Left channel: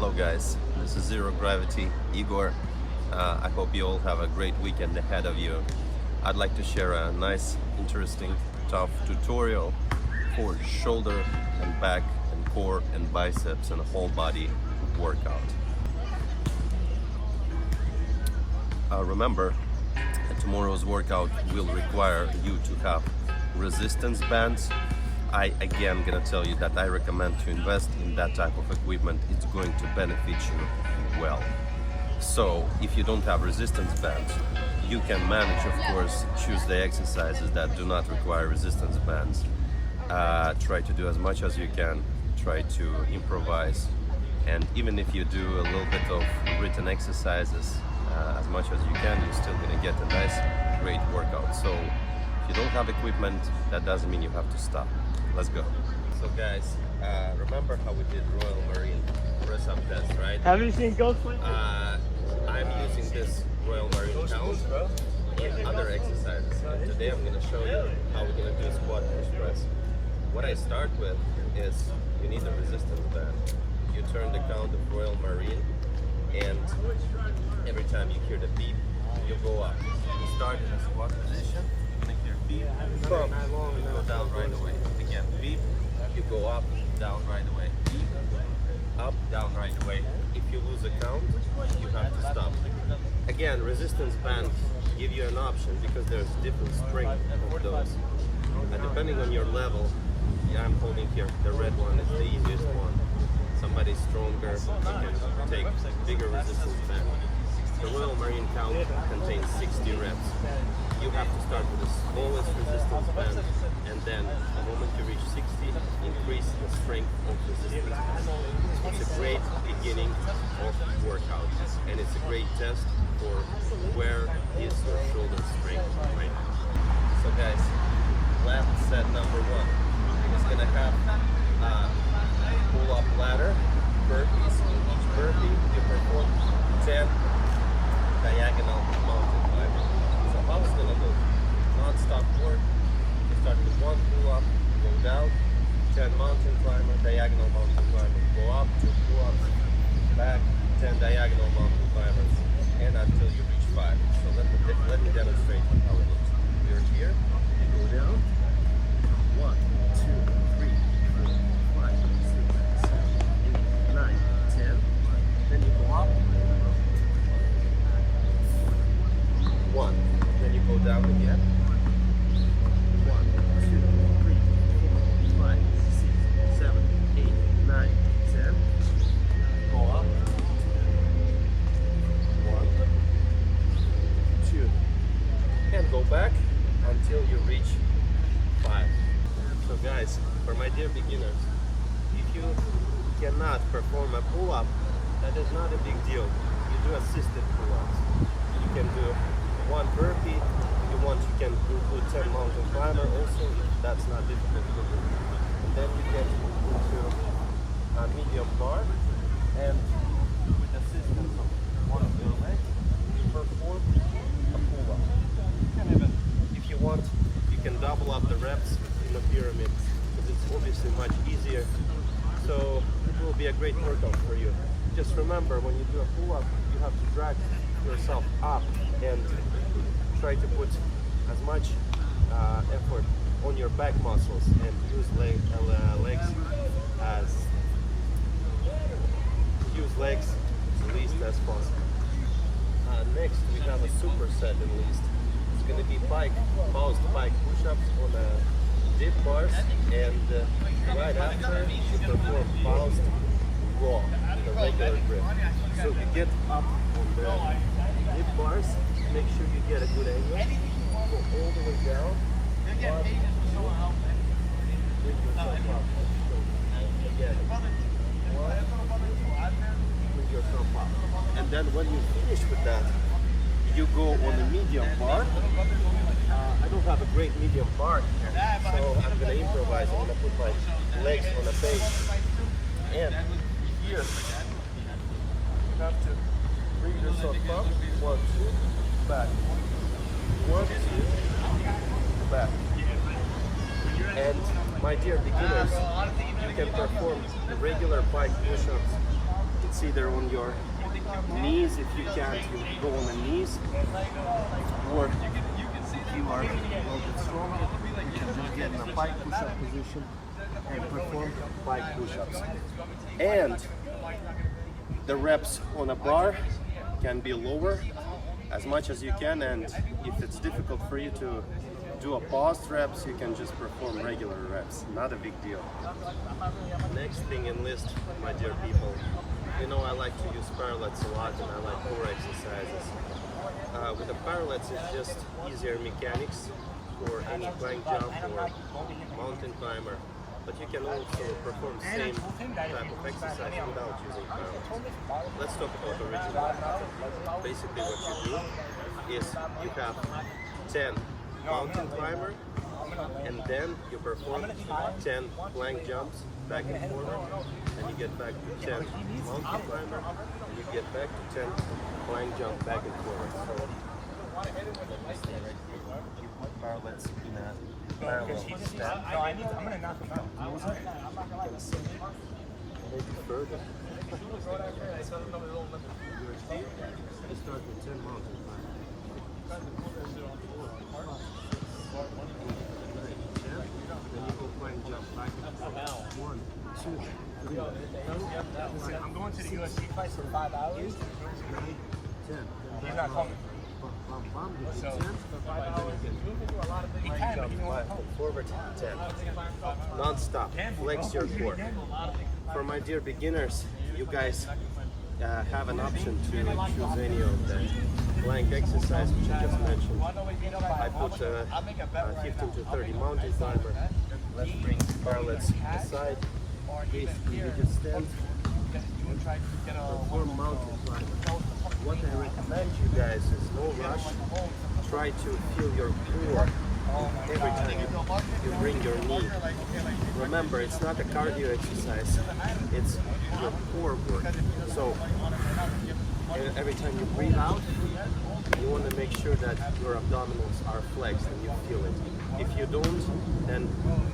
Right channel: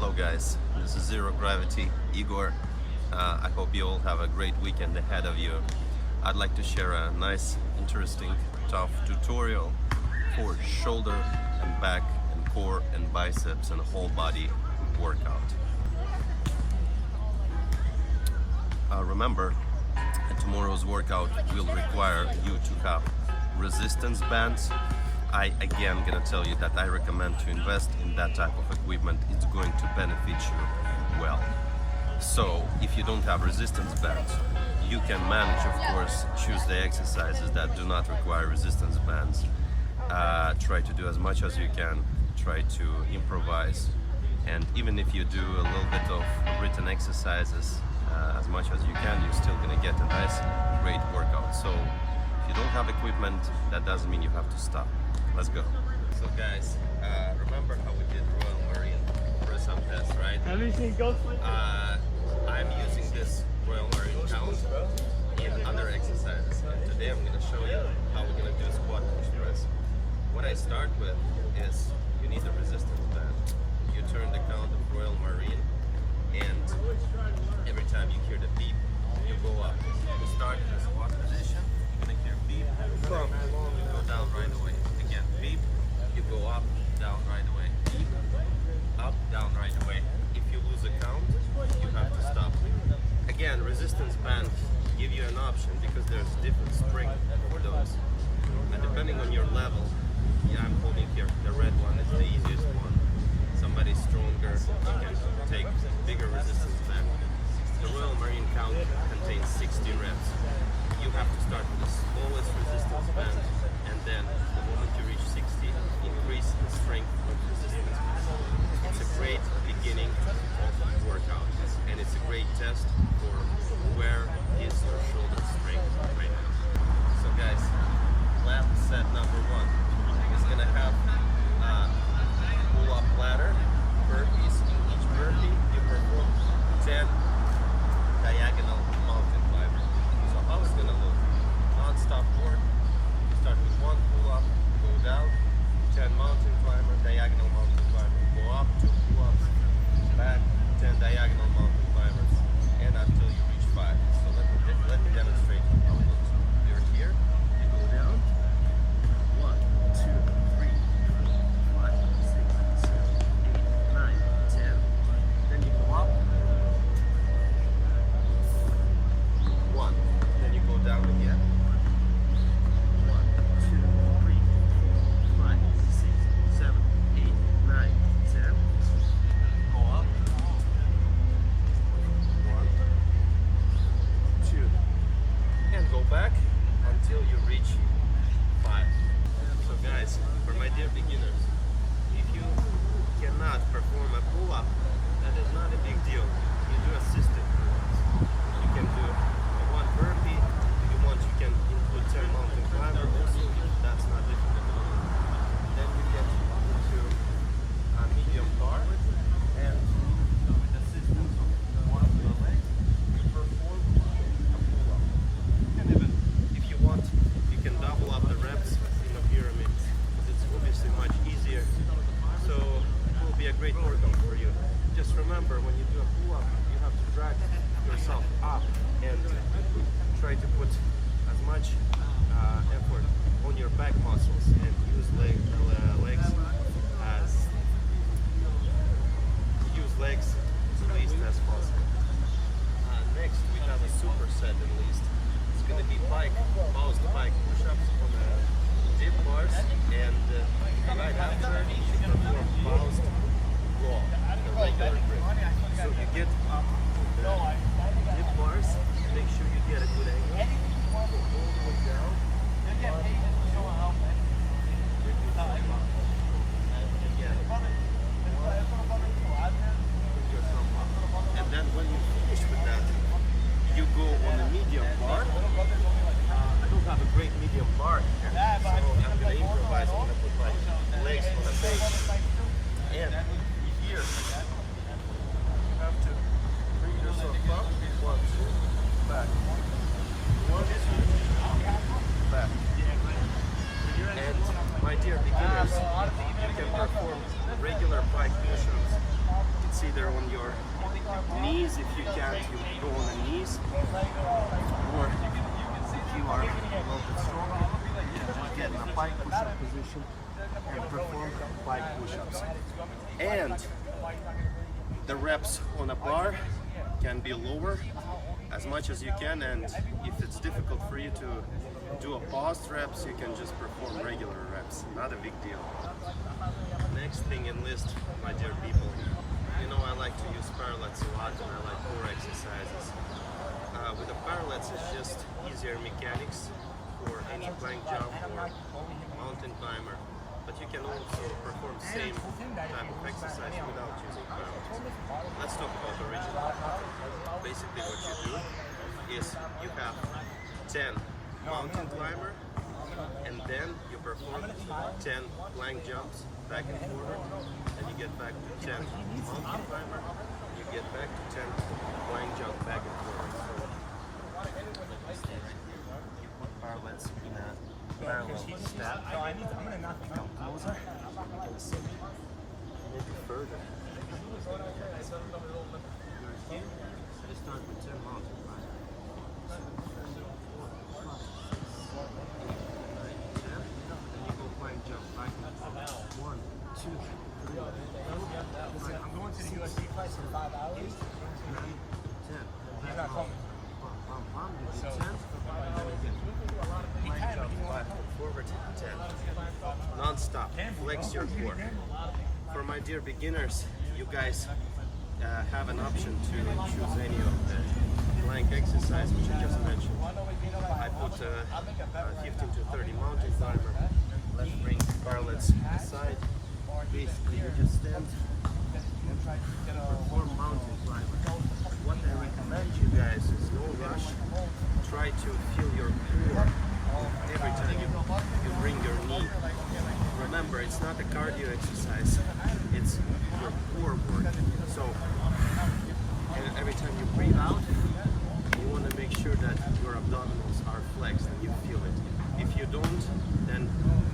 Hello guys, this is Zero Gravity, Igor. I hope you all have a great weekend ahead of you. I'd like to share a nice, interesting, tough tutorial for shoulder and back and core and biceps and whole body workout. Remember, tomorrow's workout will require you to have resistance bands. I again gonna tell you that I recommend to invest in that type of equipment. It's going to benefit you well. So if you don't have resistance bands, you can manage, of course, choose the exercises that do not require resistance bands. Try to do as much as you can, try to improvise, and even if you do a little bit of written exercises as much as you can, you're still gonna get a nice, great workout. So if you don't have equipment, that doesn't mean you have to stop. Let's go. So guys, remember how we did Royal Marine press-up test, right? Have you seen Ghost? I'm using this Royal Marine count in other exercises, and today I'm going to show you how we're going to do squat push press. What I start with is you need a resistance band. You turn the count of Royal Marine, and every time you hear the beep, you go up. You start in a squat position, you're going to hear beep, bump, you go down right away. Again, beep, you go up, down right away. Beep, up, down right away. If you lose a count, you have to stop. Again, resistance bands give you an option because there's different strength of those. Depending on your level, I'm holding here, the red one is the easiest one. Somebody stronger, you can take bigger resistance band. The Royal Marine count contains 60 reps. You have to start with the smallest resistance band, and then the moment you reach 60, increase the strength of resistance band. It's a great beginning of workout, and it's a great test for where is your shoulder strength right now. So guys, last set number one is gonna have pull-up ladder, burpees. In each burpee, you perform 10 diagonal mountain climbers. So how it's gonna look? Non-stop work. You start with one pull-up, go down, 10 mountain climber, diagonal mountain climber, go up, 2 pull-ups, back, 10 diagonal mountain climbers, and until you reach 5. So let me demonstrate how it looks. You're here, you go down, 1, 2, 3, 4, 5, 6, 7, 8, 9, 10. Then you go up, 1. Then you go down again. 1, 2, 3, 4, 5, 6, 7, 8, 9, 10. Go up. 1, 2, and go back until you reach 5. So guys, for my dear beginners, if you cannot perform a pull-up, that is not a big deal. You do assisted pull-ups. You can do 1 burpee. If you want, you can include 10 mountain climber also, if that's not difficult for you. And then you get into a medium bar, and with assistance of one of your legs, you perform a pull-up. You can even, if you want, you can double up the reps in a pyramid, because it's obviously much easier. So it will be a great workout for you. Just remember, when you do a pull-up, you have to drag yourself up and try to put as much effort on your back muscles and use legs least as possible. Next we have a superset in least. It's going to be Pike, paused Pike push-ups on dip bars, and right after you perform paused raw with a regular grip. So you get up on the dip bars, make sure you get a good angle, go all the way down, 1, 2, bring yourself up, again, 1, 2, bring yourself up. And then when you finish with that, you go on a medium bar. I don't have a great medium bar here, so I'm gonna improvise. I'm gonna put my legs on a bench, and here you have to bring yourself up, 1, 2, back, 1, 2, back. And my dear beginners, you can perform regular Pike push-ups It's either on your knees, if you can't, you go on the knees, or if you are a little bit stronger, you can just get in a pike push-up position and perform pike push-ups. And the reps on a bar can be lower as much as you can, and if it's difficult for you to do a paused reps, you can just perform regular reps. Not a big deal. Next thing in list, my dear people, you know I like to use parallettes a lot, and I like core exercises. With the parallettes, it's just easier mechanics for any plank jump or mountain climber, but you can also perform same type of exercise without using parallettes. Let's talk about original. Basically what you do is you have 10 mountain climber, and then you perform 10 plank jumps back and forward, and you get back to 10 mountain climber, and you get back to 10 plank jump back and forward. So let me stay right here. You put parallettes in a parallel step. Let me come closer. You can see me. Maybe further. You're here. You start with 10 mountain climber. 1, 2, 3, 4, 5, 6, 7, 8, 9, 10. Then you go plank jump back and forth. 1, 2, 3, 4, 5, 6, 7, 8, 9, 10. Then back mountain climber. Bam, bam, bam. You do 10. And then again. Plank jump back and forward. 10. Non-stop. Flex your core. For my dear beginners, you guys have an option to choose any of the plank exercise which I just mentioned. I put 15 to 30 mountain climber. Let's bring parallettes aside. Basically you just stand and perform mountain climber. What I recommend you guys is no rush. Try to feel your core every time you bring your knee. Remember, it's not a cardio exercise, it's your core work. So every time you breathe out, you want to make sure that your abdominals are flexed and you feel it. If you don't, then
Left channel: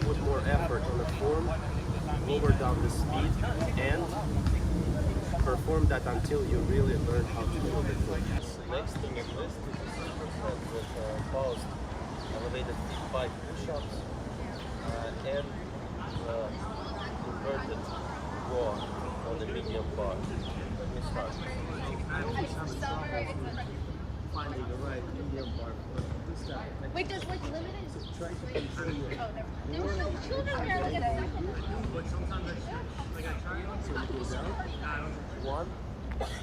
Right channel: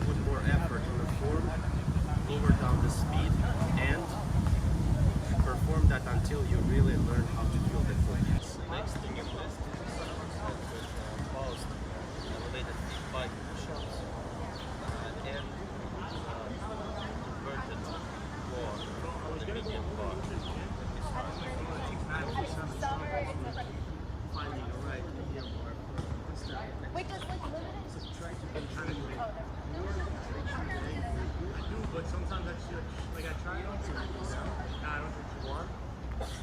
put more effort on the form, lower down the speed, and perform that until you really learn how to feel the core. The next thing in list is a superset with paused elevated feet pike push-ups and inverted raw on the medium bar. Let me start. So I always have a trouble with finding the right medium bar for this type of exercise. Wait, does like limited? So try to control your There were no two of them here. Look at it. So you go down. 1,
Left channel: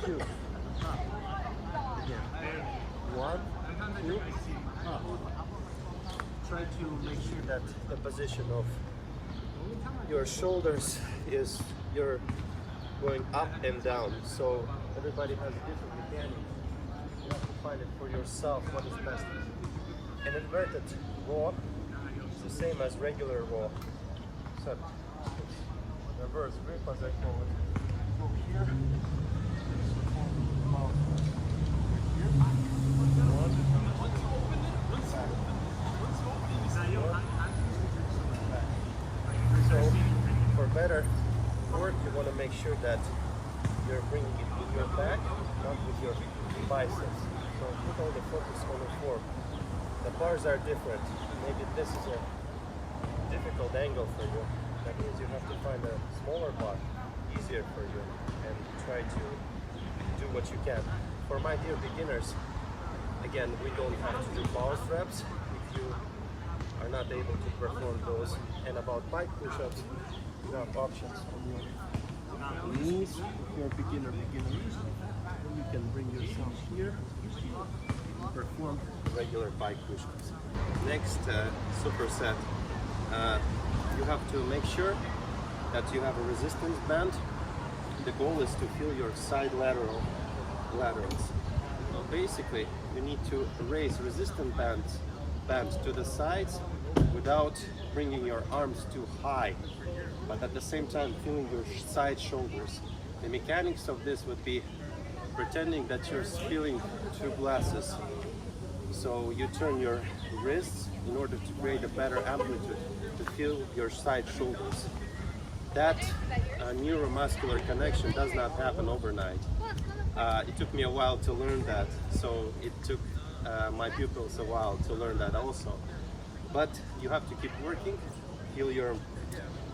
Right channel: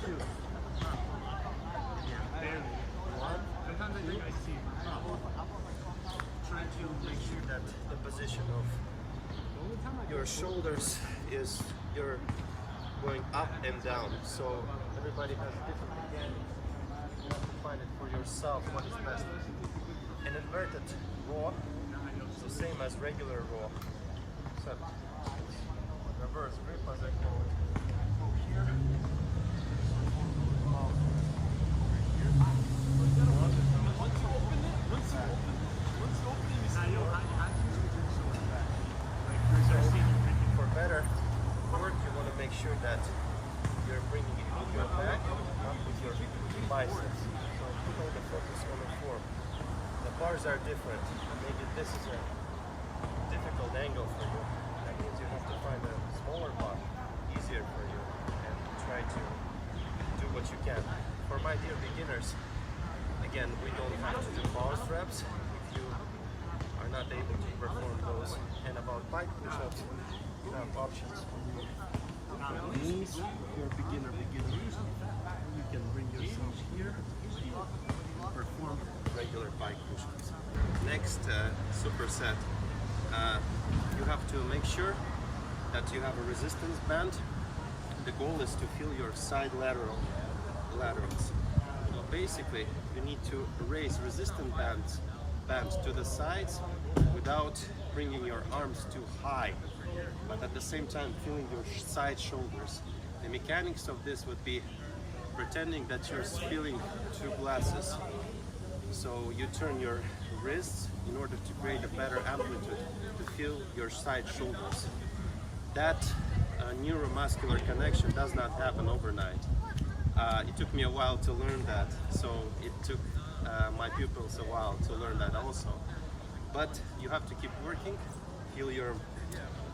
2, up. Again. 1, 2, up. Try to make sure that the position of your shoulders is you're going up and down. So everybody has different mechanics. You have to find it for yourself what is best for you. An inverted raw is the same as regular raw, except reverse grip as I call it. Go here, perform mouse thrust. You're here, 1, back. 1, back. So for better work, you want to make sure that you're bringing it with your back, not with your biceps. So put all the focus on the form. The bars are different. Maybe this is a difficult angle for you. That means you have to find a smaller bar, easier for you, and try to do what you can. For my dear beginners, again, we don't have to do paused reps if you are not able to perform those. And about pike push-ups, you have options on your knees. If you're a beginner, you can bring yourself here and perform regular pike push-ups. Next superset, you have to make sure that you have a resistance band. The goal is to feel your side laterals. So basically, you need to raise resistance bands to the sides without bringing your arms too high, but at the same time feeling your side shoulders. The mechanics of this would be pretending that you're feeling two glasses. So you turn your wrists in order to create a better amplitude to feel your side shoulders. That neuromuscular connection does not happen overnight. It took me a while to learn that, so it took my pupils a while to learn that also. But you have to keep working, feel your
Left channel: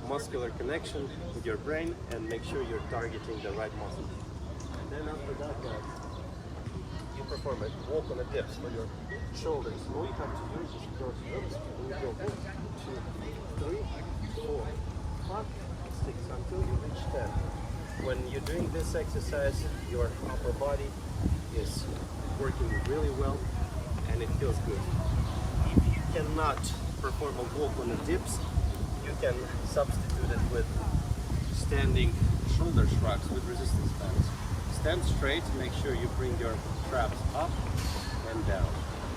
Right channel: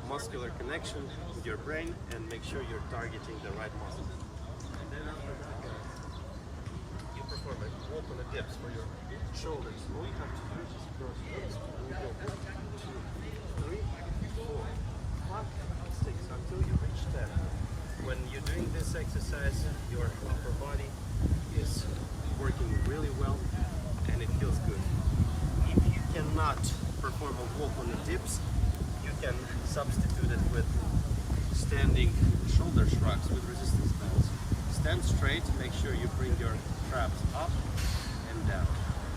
muscular connection with your brain, and make sure you're targeting the right muscle. And then after that, you perform a walk on the dips for your shoulders. All you have to do is just cross your arms, and you go 1, 2, 3, 4, 5, 6 until you reach 10. When you're doing this exercise, your upper body is working really well and it feels good. If you cannot perform a walk on the dips, you can substitute it with standing shoulder shrugs with resistance bands. Stand straight, make sure you bring your traps up and down.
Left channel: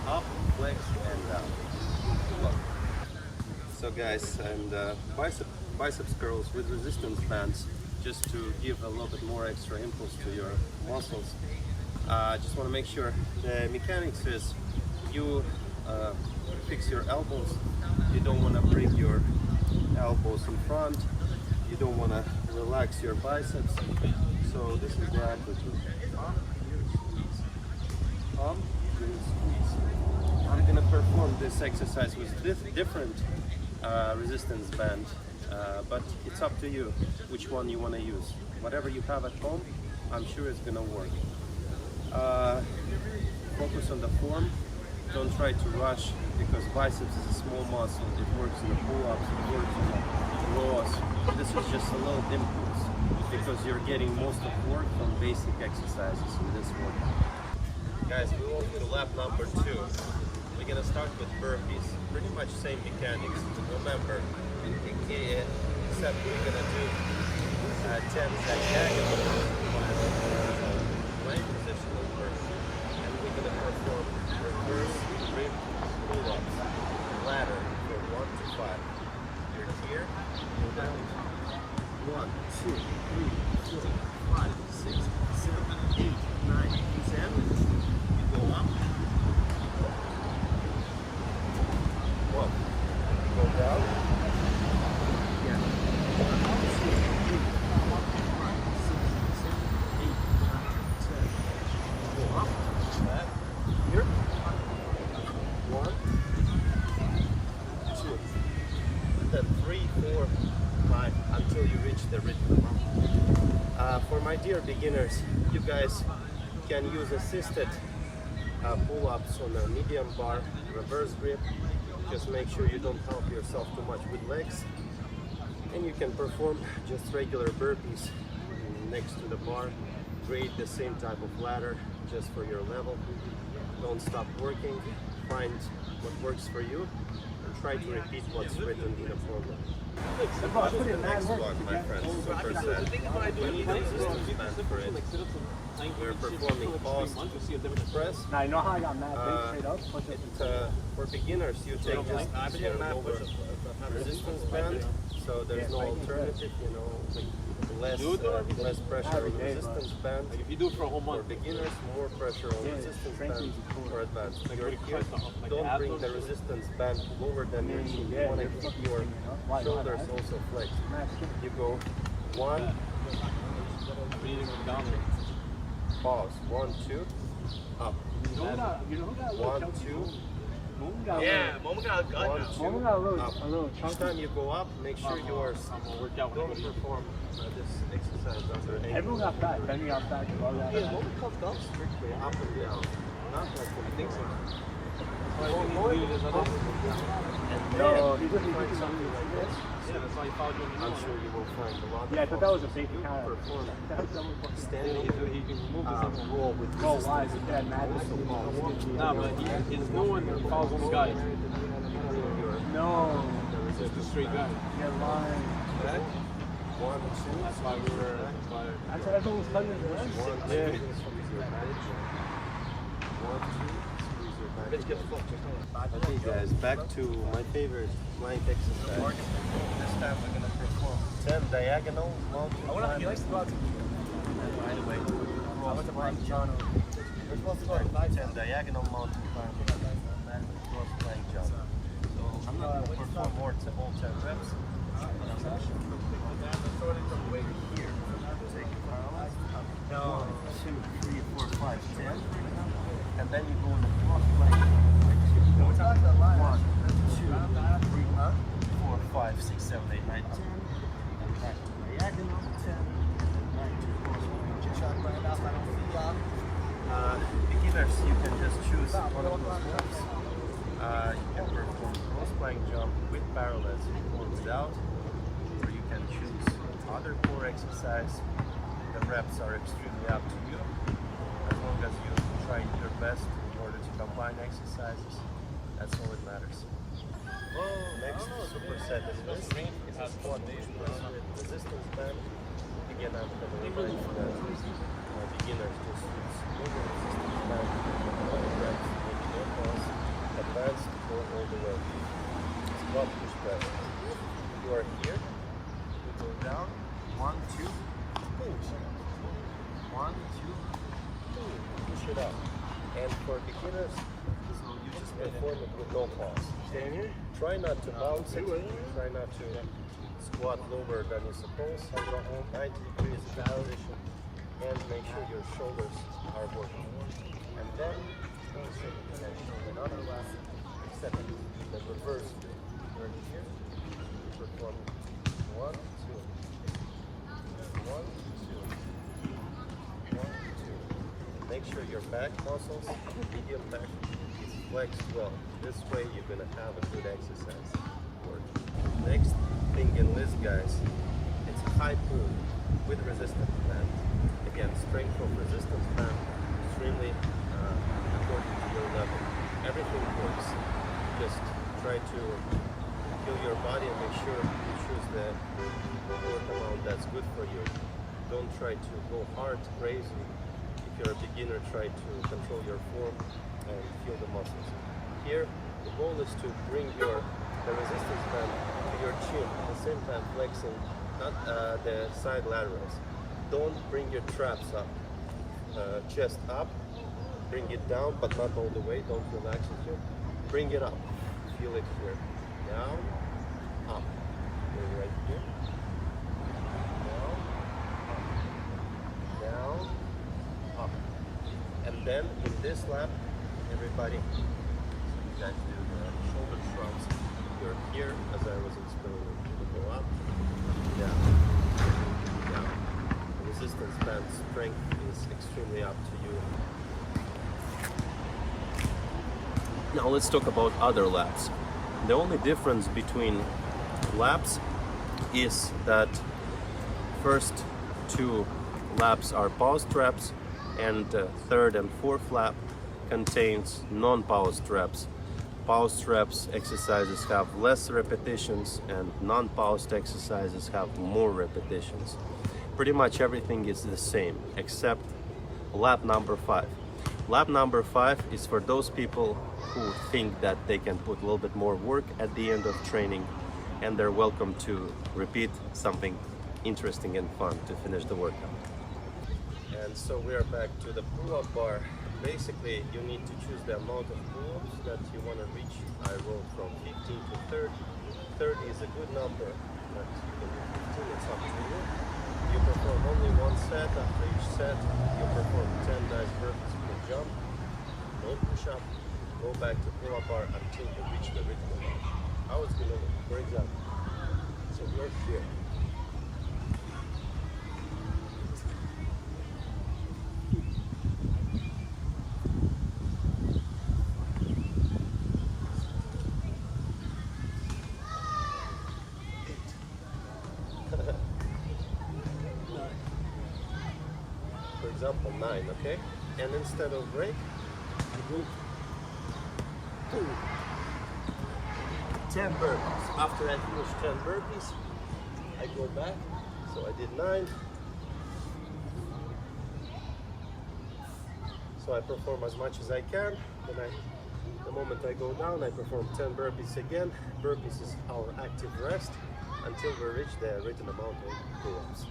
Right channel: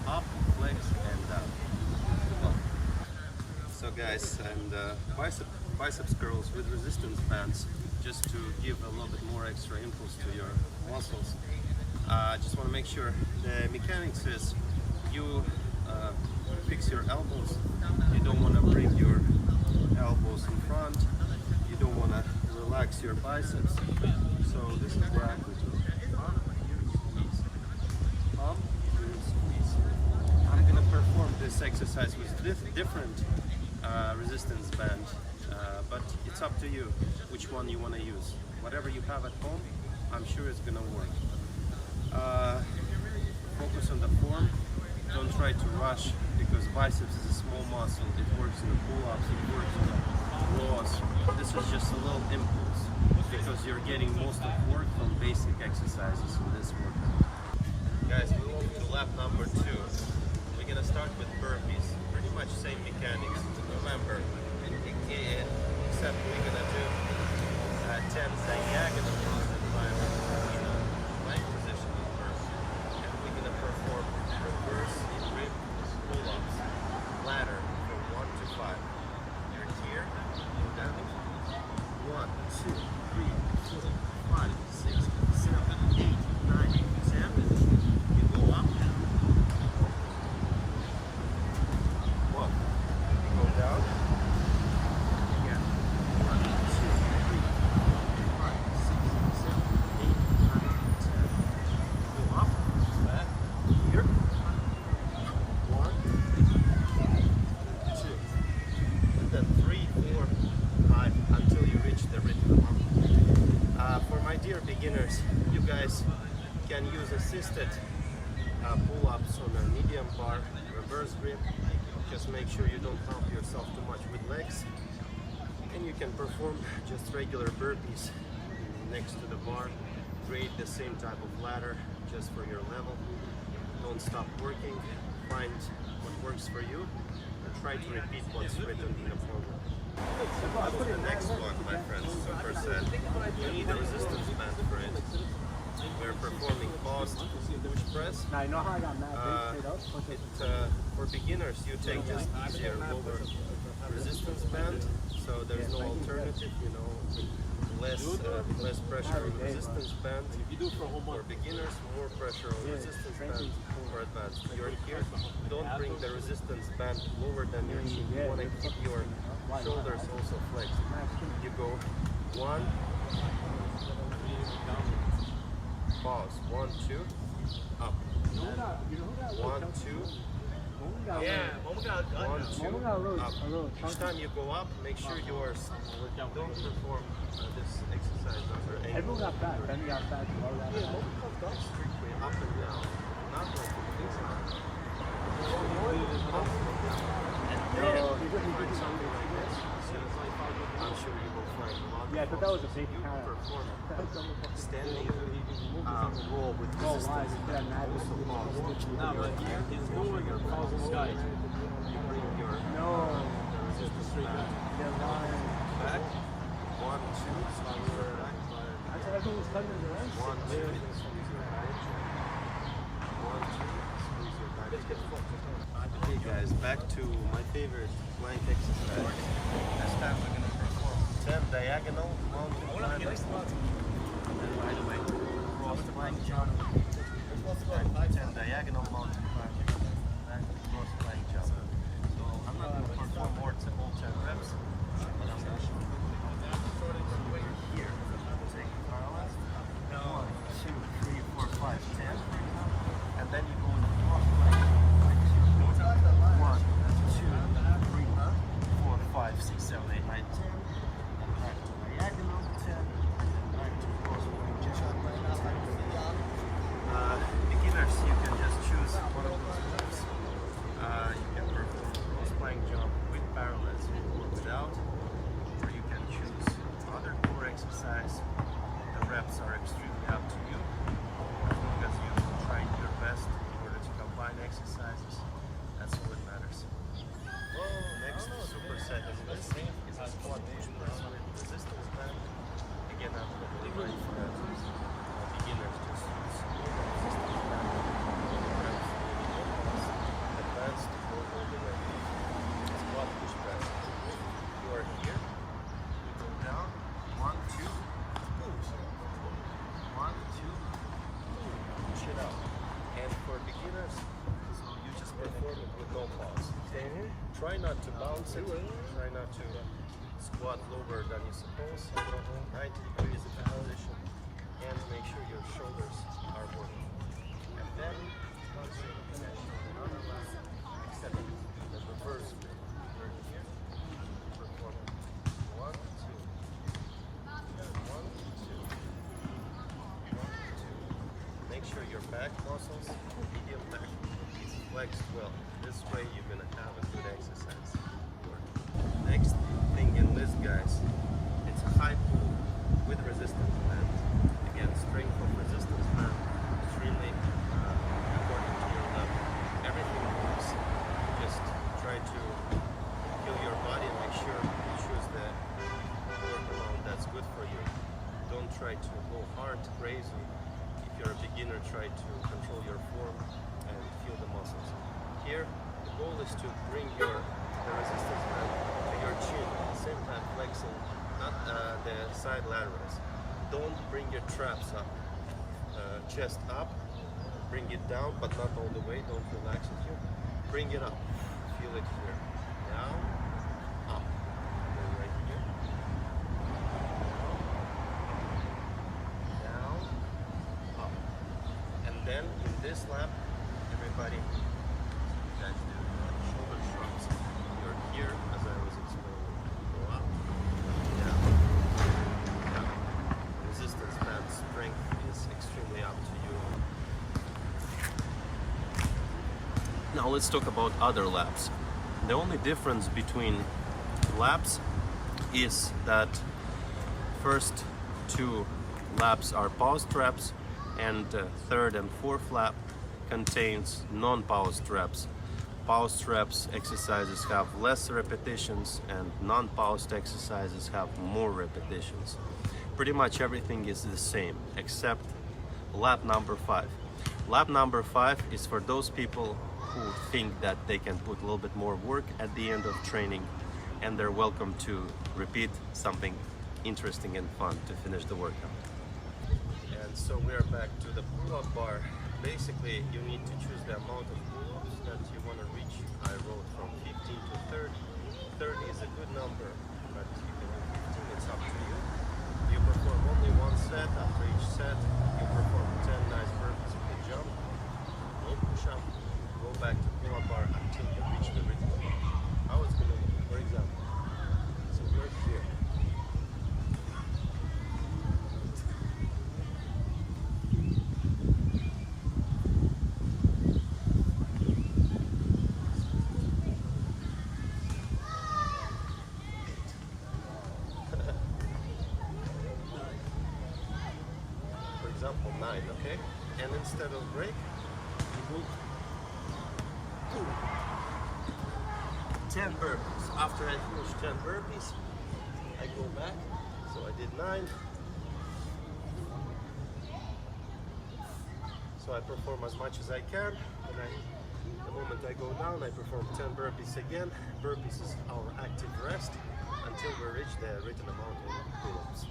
Up, flex, and down. Look. So guys, and biceps curls with resistance bands, just to give a little bit more extra impulse to your muscles. I just want to make sure the mechanics is you fix your elbows. You don't want to bring your elbows in front. You don't want to relax your biceps. So this is the amplitude. Pump, here, squeeze. Pump, here, squeeze. I'm gonna perform this exercise with different resistance band, but it's up to you which one you want to use. Whatever you have at home, I'm sure it's gonna work. Focus on the form. Don't try to rush, because biceps is a small muscle. It works in the pull-ups, it works in the rows. This is just a little impulse, because you're getting most of work from basic exercises in this workout. Guys, we walk to lap number 2. We're gonna start with burpees. Pretty much same mechanics. Remember, except we're gonna do 10 diagonal mountain climbers in a plank position on burpees. And we're gonna perform reverse rib pull-ups, ladder from 1 to 5. You're here, go down. 1, 2, 3, 4, 5, 6, 7, 8, 9, 10. You go up. 1. Go down. Again. 1, 2, 3, 4, 5, 6, 7, 8, 9, 10. Go up. Back. Here. 1, 2. And then 3, 4, 5 until you reach the rhythm. For my dear beginners, you guys can use assisted pull-ups on a medium bar, reverse grip. Just make sure you don't help yourself too much with legs. And you can perform just regular burpees next to the bar. Create the same type of ladder just for your level. Don't stop working. Find what works for you and try to repeat what's written in a program. On to the next one, my friends, superset. You need a resistance band for it. We're performing fast push press. For beginners, you take just easier lower resistance band, so there's no alternative, you know, less pressure on resistance band. For beginners, more pressure on resistance band for advanced. You're here, don't bring the resistance band lower than your chin. You want to keep your shoulders also flexed. You go 1, pause, 1, 2, up, 1, 2, up, 1, 2, up. Each time you go up, make sure you don't perform this exercise under angle. Strictly up and down, not like a floor. Up and down. And then you find something like this. I'm sure you will find a lot of options. You perform standing roll with resistance band. Also pause. You're here, your back. You bring your the resistance band back. 1, 2, squeeze your back. Again. 1, 2, squeeze your back again. 1, 2, squeeze your back again. Okay guys, back to my favorite plank exercise. This time we're gonna perform 10 diagonal mountain climbers. And by the way, cross plank jump. And back to 10 diagonal mountain climbers. And back to cross plank jump. So I'm not gonna perform all 10 reps, but I'm gonna show you how to do it. and then you go in the block plank, flex your core. 1, 2, 3, 4, 5, 6, 7, 8, 9, 10, and then back to diagonal 10, and then back to cross plank jump 10. Beginners, you can just choose one of those moves. You can perform cross plank jump with parallettes or without, or you can choose other core exercise. The reps are extremely up to you, as long as you try your best in order to combine exercises. That's all that matters. Next superset in list is a squat push press with resistance band. Again, I'm going to remind you that beginners just use lower resistance band, lower reps, maybe no pause. Advanced, go all the way. Squat push press. You are here, you go down, 1, 2, pull. 1, 2, pull. Push it up. And for beginners, so you just perform it with no pause. Try not to bounce it, try not to squat lower than you suppose. 90 degrees in the position, and make sure your shoulders are working. And then do the same thing I showed another lap, except you do the reverse bit. You're here, you perform 1, 2, 1, 2, 1, 2. Make sure your back muscles, medium back, is flexed well. This way you're gonna have a good exercise work. Next thing in list, guys, it's a high pull with resistance band. Again, strength of resistance band, extremely according to your level. Everything works. Just try to feel your body and make sure you choose the work amount that's good for you. Don't try to go hard, crazy. If you're a beginner, try to control your form and feel the muscles. Here, the goal is to bring the resistance band to your chin, at the same time flexing not the side laterals. Don't bring your traps up. Chest up, bring it down, but not all the way. Don't relax it here. Bring it up. Feel it here. Down, up. We're right here. Down, up. Down, up. And then in this lap, everybody, so you guys do the shoulder shrugs. You're here, as I was explaining. You go up, down, up, down. The resistance band strength is extremely up to you. Now let's talk about other laps. The only difference between laps is that first 2 laps are paused reps, and third and fourth lap contains non-paused reps. Paused reps exercises have less repetitions, and non-paused exercises have more repetitions. Pretty much everything is the same except lap number 5. Lap number 5 is for those people who think that they can put a little bit more work at the end of training, and they're welcome to repeat something interesting and fun to finish the workout. And so we are back to the pull-up bar. Basically, you need to choose the amount of pull-ups that you want to reach. I wrote from 15 to 30. 30 is a good number, but you can do 15, it's up to you. You perform only one set. After each set, you perform 10 nice burpees with a jump, no push-up. Go back to pull-up bar until you reach the written amount. How it's going to look, for example. So you're here. For example, 9, okay? And instead of break, I go 10 burpees. After I finish 10 burpees, I go back. So I did 9. So I perform as much as I can. Then the moment I go down, I perform 10 burpees again. Burpees is our active rest until we reach the written amount in pull-ups.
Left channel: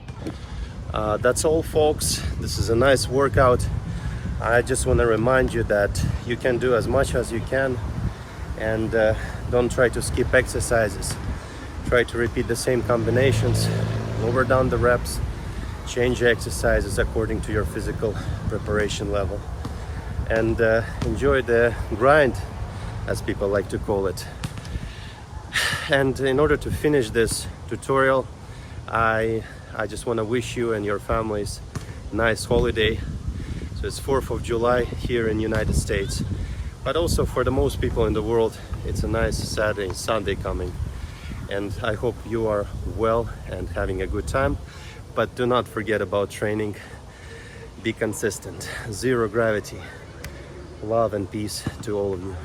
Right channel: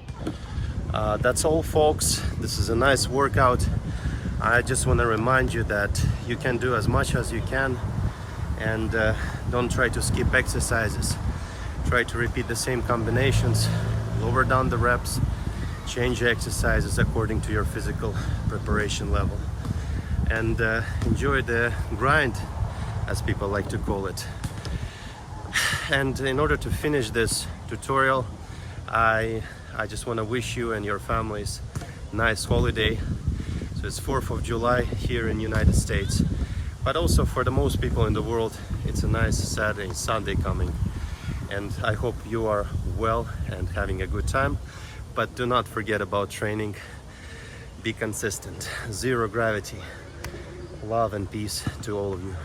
That's all, folks. This is a nice workout. I just want to remind you that you can do as much as you can, and don't try to skip exercises. Try to repeat the same combinations, lower down the reps, change exercises according to your physical preparation level. and enjoy the grind, as people like to call it. And in order to finish this tutorial, I just want to wish you and your families a nice holiday. So it's 4th of July here in the United States, but also for the most people in the world, it's a nice Saturday, Sunday coming. And I hope you are well and having a good time, but do not forget about training. Be consistent. Zero gravity. Love and peace to all of you.